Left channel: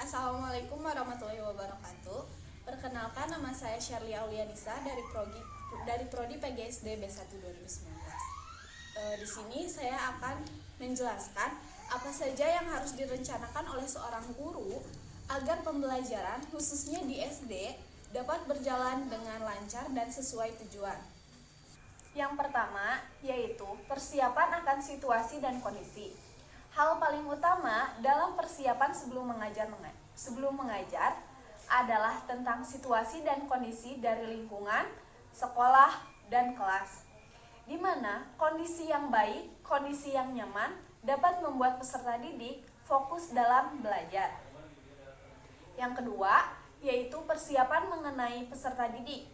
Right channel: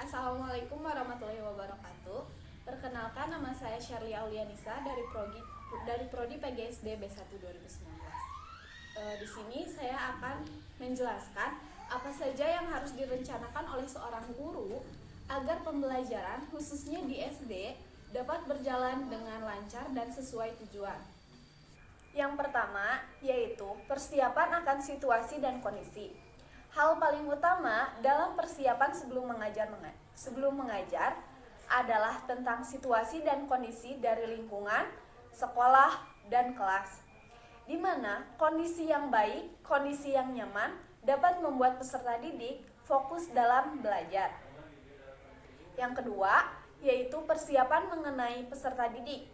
Assalamualaikum warahmatullahi wabarakatuh. Perkenalkan, nama saya Sherly Aulianisa dari Prodi PGSD B1 2019. Di sini saya akan menjelaskan apa saja yang harus direncanakan oleh seorang guru agar pembelajaran khususnya di SD dapat berjalan dengan lancar dan sesuai tujuan. Yang pertama yaitu persiapan akan situasi dan kondisi. Hal paling utama dalam persiapan sebelum mengajar adalah tentang situasi dan kondisi dari lingkungan, sekolah, dan kelas. Di mana kondisi yang baik, kondisi yang nyaman dapat membuat peserta didik fokus dalam belajar. Yang kedua, yaitu persiapan mengenai peserta didik.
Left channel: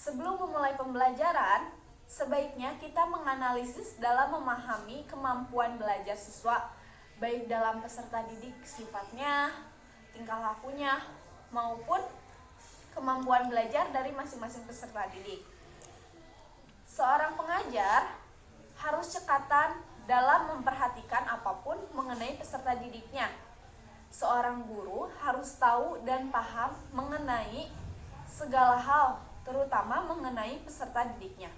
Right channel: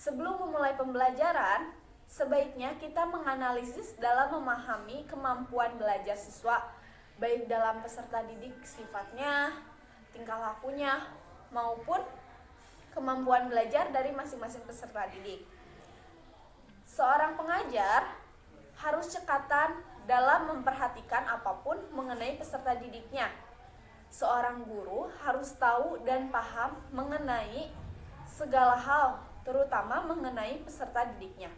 Sebelum memulai pembelajaran, sebaiknya kita menganalisis dalam memahami kemampuan belajar siswa, baik dalam peserta didik sifatnya, tingkah lakunya, maupun kemampuan belajar dari masing-masing peserta didik. Seorang pengajar harus cekatan dalam memperhatikan apapun mengenai peserta didiknya. Seorang guru harus tahu dan paham mengenai segala hal, terutama mengenai peserta didiknya.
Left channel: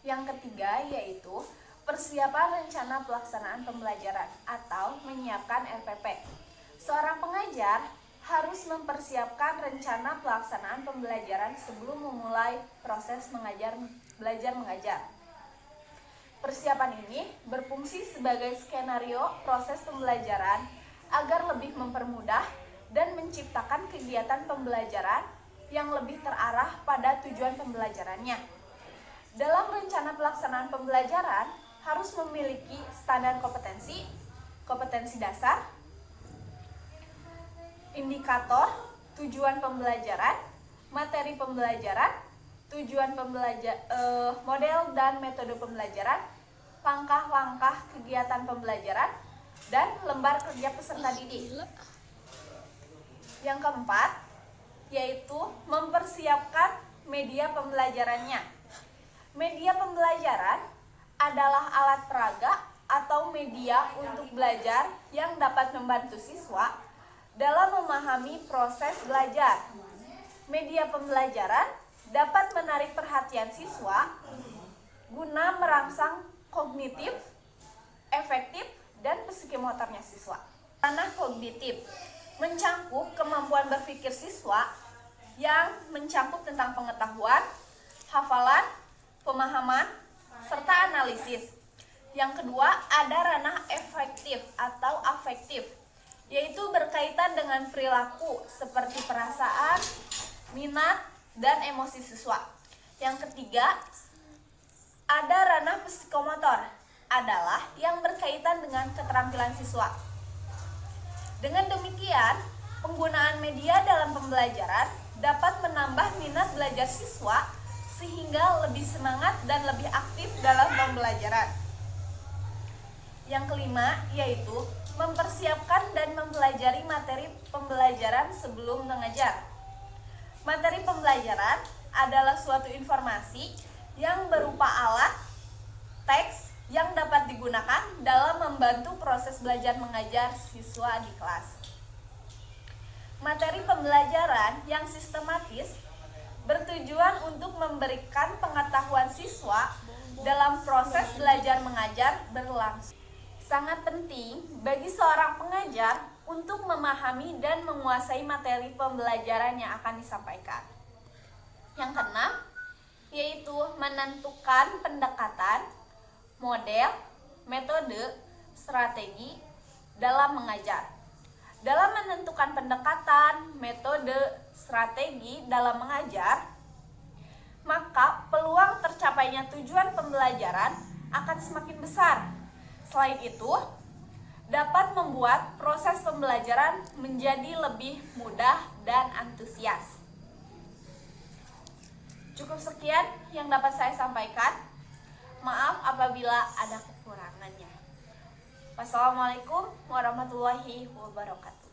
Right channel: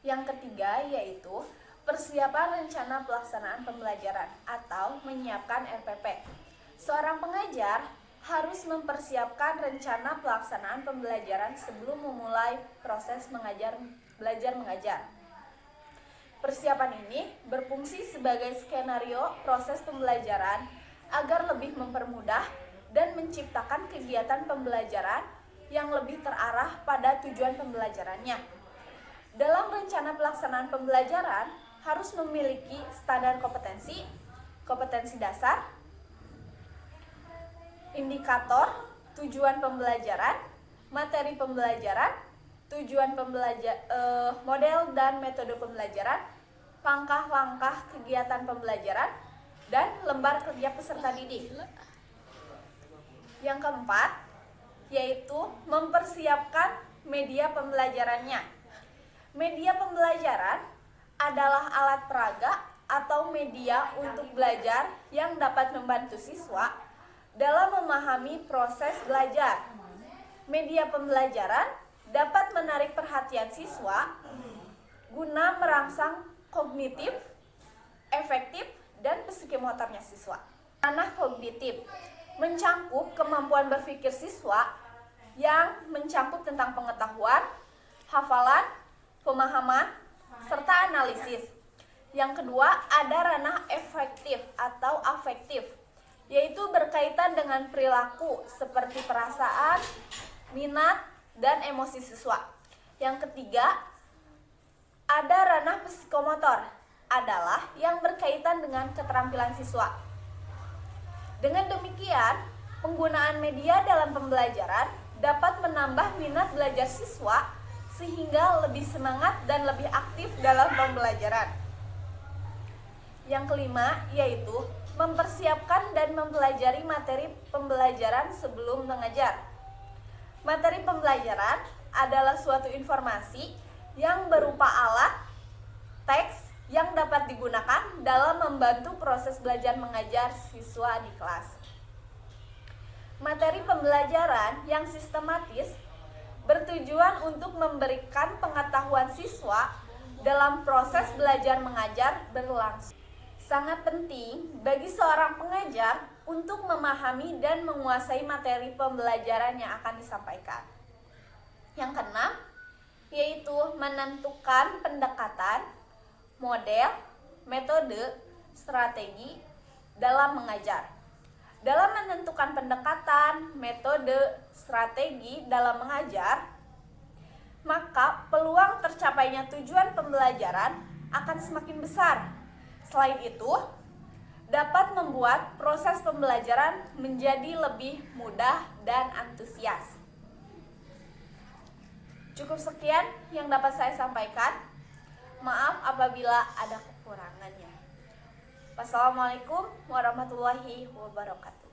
Yang ketiga yaitu persiapan rencana pelaksanaan pembelajaran atau menyiapkan RPP. Seorang pengajar harus mempersiapkan rencana pelaksanaan pembelajaran sebelum memulai proses belajar mengajar. Persiapan ini berfungsi sebagai skenario proses pembelajaran agar lebih mempermudah dan menciptakan kegiatan pembelajaran yang lebih terarah pada tujuan pembelajarannya. Dalam rencana pelaksanaan pembelajaran harus memiliki standar kompetensi dasar, indikator, tujuan pembelajaran, materi pembelajaran, model dan metode pembelajaran, langkah-langkah kegiatan pembelajaran, dan lembar kerja peserta didik. Yang keempat, yaitu mempersiapkan media pembelajarannya. Media pembelajaran adalah alat peraga atau media untuk belajar yang dapat membantu siswa dalam memahami proses belajar. Media pembelajaran dapat menarik perhatian siswa guna merangsang kognitif, efektif, dan psikomotornya siswa. Ranah kognitif mencangkup kemampuan berpikir siswa yang mencakup tentang pengetahuan, hafalan, pemahaman, serta analisis. Yang kedua, ada ranah efektif atau afektif, yaitu berkaitan dengan perilaku seperti perasaan, minat, dan emosi siswa. Yang ketiga, ada ranah psikomotor, adalah yang berkaitan dengan keterampilan siswa. Dengan demikian, penggunaan media dalam pembelajaran dapat menambah minat belajar siswa sehingga lebih semangat dan lebih aktif dalam pembelajaran. Yang kelima yaitu mempersiapkan dan mempelajari materi pembelajaran sebelum mengajar. Materi pembelajaran adalah suatu informasi yang berupa alat, teks yang dapat digunakan dalam membantu proses belajar mengajar siswa di kelas. Materi pembelajaran yang sistematis bertujuan untuk memberikan pengetahuan siswa dalam proses belajar mengajar berlangsung. Sangat penting bagi seorang pengajar untuk memahami dan menguasai materi pembelajaran yang akan disampaikan. Yang keenam, yaitu menentukan pendekatan, model, metode, strategi dalam mengajar. Dalam menentukan pendekatan, metode, strategi dalam mengajar, maka peluang tercapainya tujuan pembelajaran akan semakin besar. Selain itu, dapat membuat proses pembelajaran menjadi lebih mudah dan antusias. Cukup sekian yang dapat saya sampaikan. Maaf apabila ada kekurangannya. Wassalamualaikum warahmatullahi wabarakatuh.